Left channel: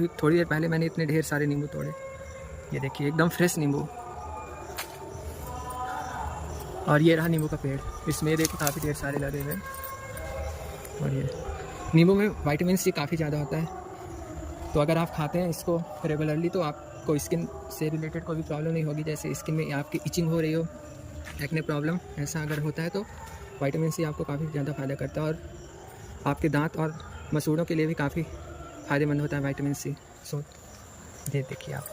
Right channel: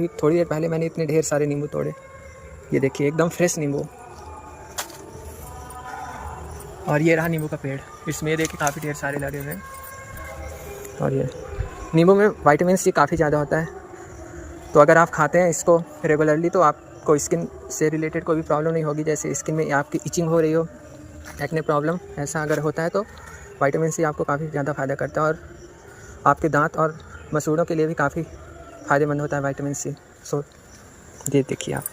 थोड़ी देर पहले मैंने इतने ढेर सारे नींबू तोड़े। ये देखिए एकदम फ्रेश नींबू। और ये रहा नींबू का पेड़, इसमें देखिए काफ़ी ढेर सारे लगे हुए हैं। और ये नींबू में विटामिन सी काफ़ी ज़्यादा होता है, तो अगर आप खाते हैं इसको रेगुलरली तो आपको स्किन से रिलेटेड कोई भी प्रॉब्लम नहीं होगी। जैसे स्किन में आपकी इचिंग हो रही हो, एक्ने प्रॉब्लम, ऐसा अगर होता है तो विटामिन सी आपको काफ़ी ज़्यादा फ़ायदा करता है। और आपके दांत और मसूड़ों के लिए भी काफ़ी फ़ायदेमंद होता है विटामिन सी। सो ये देखिए आप।